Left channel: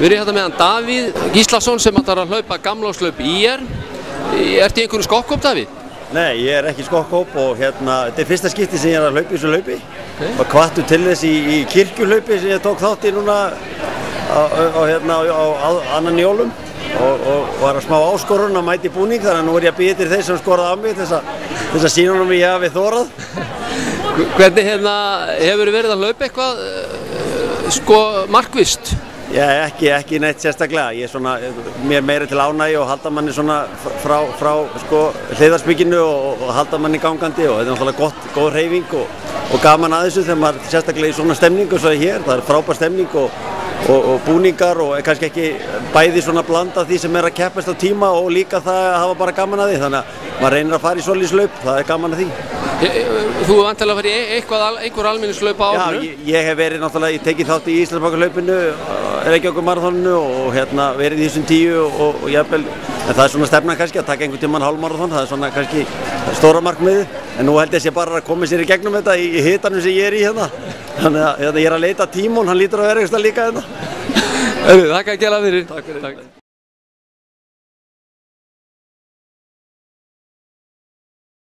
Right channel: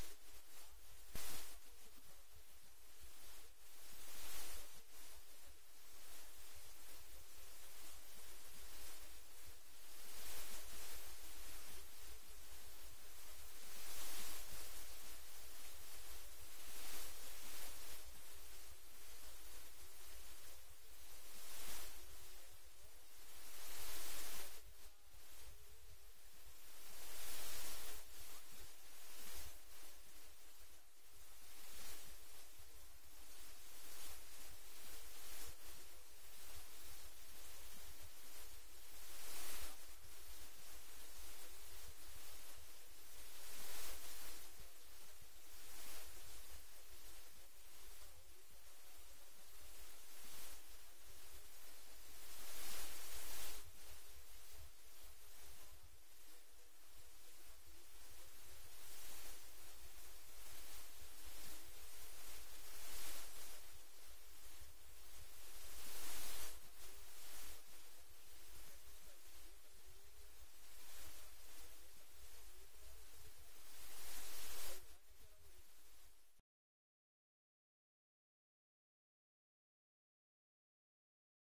Við erum hérna meðan Davíð Gíslason sem ætlar að hlaupa gamláslaup ÍR. Ertu í einhverju skokkhóp, Davíð? Nei, ég ekki í skokkhóp og þetta fyrsta skipti sem ég að hlaupa í þessu hlaupi. Og hvattur til þess í kirkjuhlaupi sem ég tók þátt í núna á annan jólum. Og var að smá áskorun að mæta í búning, þannig að nú ég að bíða til þeir sem skoraði á mig þess að sýna honum ég hafi þorað. Hvernig hefur verið að hlaupa eitthvað markvisst? Já, ekki neitt sérstaklega. Ég mér meira til ánægju og halda manni svona frá hliðarspikinu og halda manni gangandi og þetta náttúrulega góð hreyfing og gaman að þessu þegar maður sérstaklega í svona stemningu svo hér. Það frábær stemning og búningar og kannski ekki bæði svona blanda því sem að keppast á tíma og líka það að hafa bara gaman að því. Þannig að maður reynir að fara í svolítið hlaup, það gaman að því. Þú hefur vantilega farið í einhver almenningshlaup á árinu? Já, ég hef verið náttúrulega, ég tekið þátt í Íslandsbankahlaupinu, Reykjavíkurmaraþoninu og verið í þessum 10 og jafnvel, en það svona stefnan kannski að taka einhvern tímann hálfmaraþon, það svona kannski stóra markmiðið, en nú held ég sé bara að koma sér í gegnum þetta í hitanum sem ég í hérna. Þannig að ég að leita Tímon, hann lítur að vera eitthvað líka hérna. Þakka að gera fyrir. Takk fyrir.